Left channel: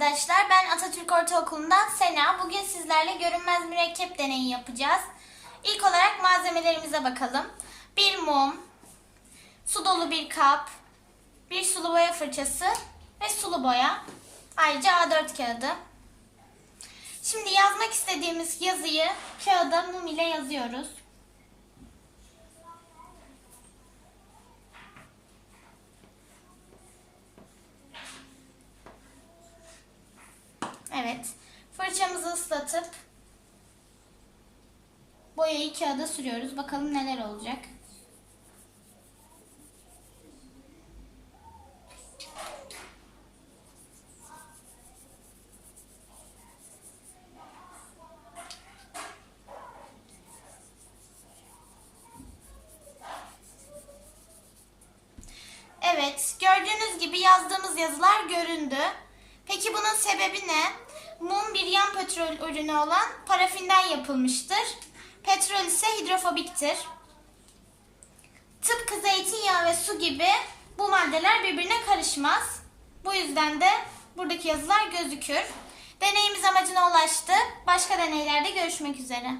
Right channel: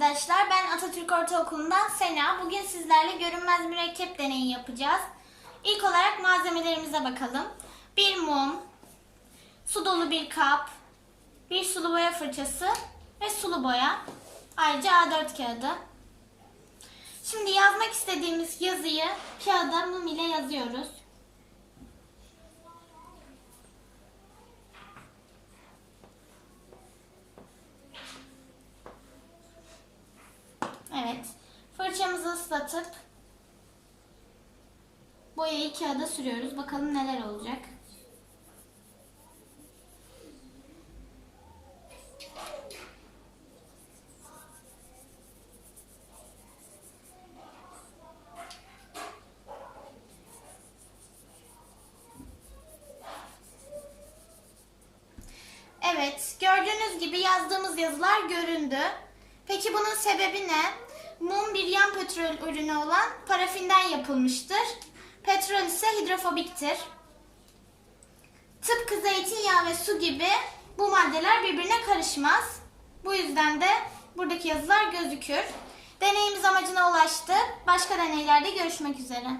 arkadaşlar. Ben Atatürk Ortaokulu'ndan Sena. Bugün sizlerle görünmez mürekkep deneyi yapacağız. İlk olarak malzemelerimize bakalım. Bir mum, su dolu bir kap, bir sulu boya fırçası ve sulu boya. Ayrıca A4 kağıdı. Şimdi yazmak istediğimiz yazıyı kağıda mum ile yazıyoruz. Evet. Fırçamızı ıslatıp boyayı kağıda sürüyoruz. Bakalım neler olacak. Evet, gördüğünüz gibi yazdığımız yazılar göründü. Peki bunun sebebi ne? Mum bir yan petrol ürünü olan parafinden yapılmıştır. Petrol ise hidrofobiktir. Tıpkı zeytinyağı ve su gibi bu maddeler birbirine karışmaz. Bu yüzden de buradaki yazılar gözükür. Deneyimiz amacına ulaştı. Başka deneylerde görüşmek üzere.